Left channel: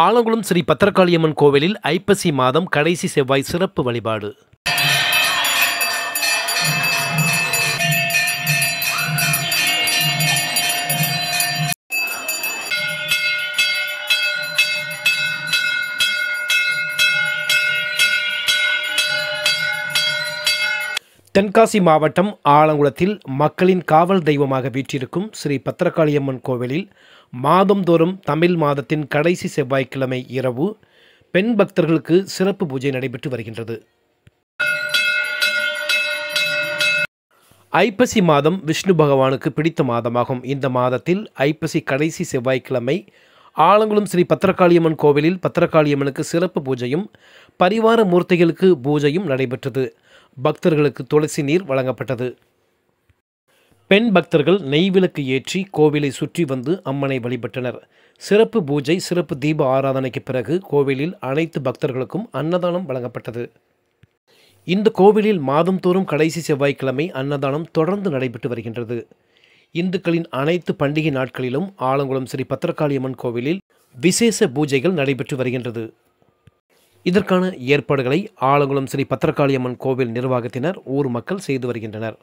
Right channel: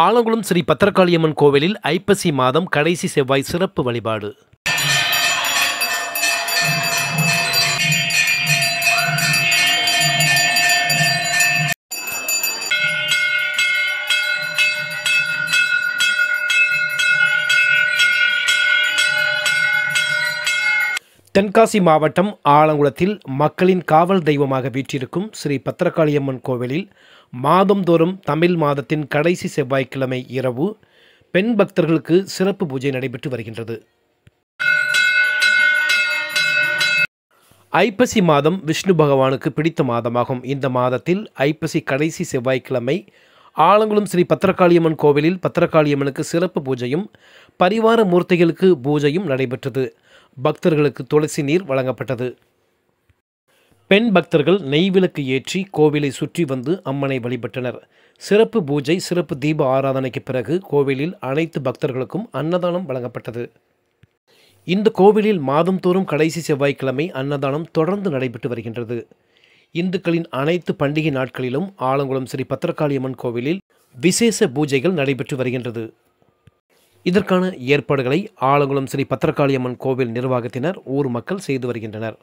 ஆலங்குளம் ஸ்ரீ பத்திரகாளியம்மன் கோவிலில் ஐப்பசி மாதம் கடைசி செவ்வாய் சிறப்பு வழிபாடு. தென்காசி மாவட்டம் ஆலங்குளத்தில் மக்களின் காவல் தெய்வமாக வீற்றிருக்கும் ஸ்ரீ பத்திரகாளியம்மன் கோவிலில் மாதந்தோறும் தமிழ் மாதத்தின் கடைசி செவ்வாய்க்கிழமை இரவு பெண் பக்தர்களுக்கு சிறப்பு பூஜை நடைபெற்று வருகின்றது. ஐப்பசி மாதம் விஷ்ணு பகவானுக்கு பிடித்த மாதமாகும். இந்த மாதத்தில் ஐப்பசி கடைசி செவ்வாய்க்கிழமை ஆலங்குளம் ஸ்ரீ பத்திரகாளியம்மன் கோவிலில் பத்திரகாளியம்மனுக்கு சிறப்பு பூஜையும் பரிவார மூர்த்திகளுக்கு பூஜையும் நடைபெற்றது. பக்தர்களுக்கு துளசி நீர் வழங்கப்பட்டது. பெண் பக்தர்கள் நெய்விளக்கு ஏற்றி கோவிலை சுற்றி வந்து அம்மனை வழிபட்டனர். சிறப்பு பூஜை சிறப்பு தீப ஆராதனைக்கு பிறகு கோவிலில் அனைத்து பக்தர்களுக்கும் அன்னதானம் வழங்கப்பட்டது. இந்த கோவிலில் மாதந்தோறும் கடைசி செவ்வாய்க்கிழமை அன்னதானம் தொடர்ந்து நடைபெற்று வருகின்றது. இந்துக்களின் அனைத்து பண்டிகை நாட்களிலும் ஆலங்குளம் ஸ்ரீ பத்திரகாளியம்மன் கோவிலில் விசேஷ பூஜைகள் நடைபெற்று வருகின்றது. இதற்கான ஏற்பாடுகளை ஆலங்குளம் ஸ்ரீ பத்திரகாளியம்மன் கோவில் நிர்வாகத்தினர் ஊர் மக்கள் செய்து வருகின்றனர்.